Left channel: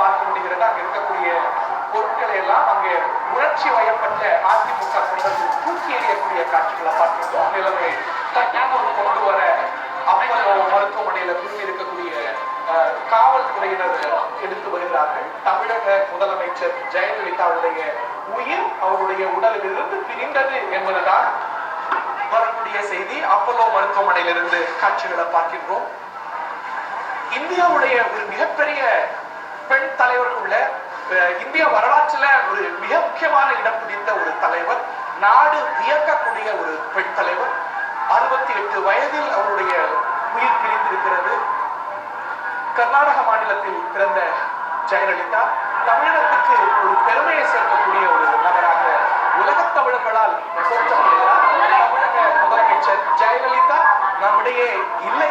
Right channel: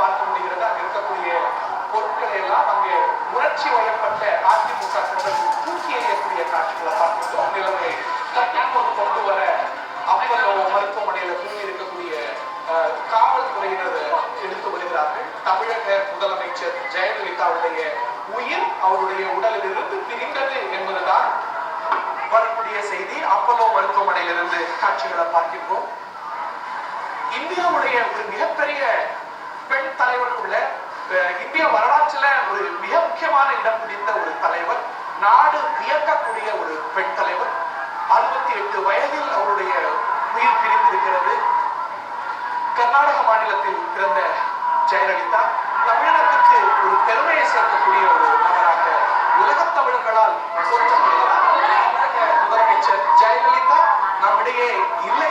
பார்க்க முடிகிறது. அங்க இருக்கக்கூடிய பொருட்களை எல்லாம் அங்கே உணர்ச்சி வயப்பட்ட அதிமுக தொண்டர்கள் தூக்கி எறியக்கூடிய காட்சிகளை பார்க்கிறோம். நிலைமை தட்டாமல் கொண்டு வர அப்பல்லோ மருத்துவமனையில தூங்கி இருக்கக்கூடிய காவல்துறையினர் எடுத்து வருகிறார்கள். தமிழக முதலமைச்சர் ஜெயலலிதாவுடைய உயிர் அவருடைய உடலில் இருந்து பிரிந்தது என்பதுதான் வரக்கூடிய செய்தி. அப்பல்லோ மருத்துவமனையிலிருந்து காட்சிகளை பார்க்கின்றோம். இந்தியாவுடைய ஒரு மிகப்பெரிய பெண் தலைவருக்குள்ள இந்திய வரலாற்றுல ஒரு மிக முக்கியமான இடம் பிடித்த ஒரு தலைவர், நாடு வியக்கக்கூடிய ஒரு பெண் தலைவர். 68 வயதில் அவருடைய உயிர் பிரிந்திருக்கிறது. கர்நாடக மாநிலத்தில் பிறந்த ஜெயலலிதா தமிழகத்துக்கு ஒரு பெருமையை சேர்க்கக்கூடிய ஒரு நபராக உலகத் தமிழர்களால் போற்றப்படுகிறார். தமிழக முதலமைச்சர் ஜெயலலிதா நம்மிடையே இல்லை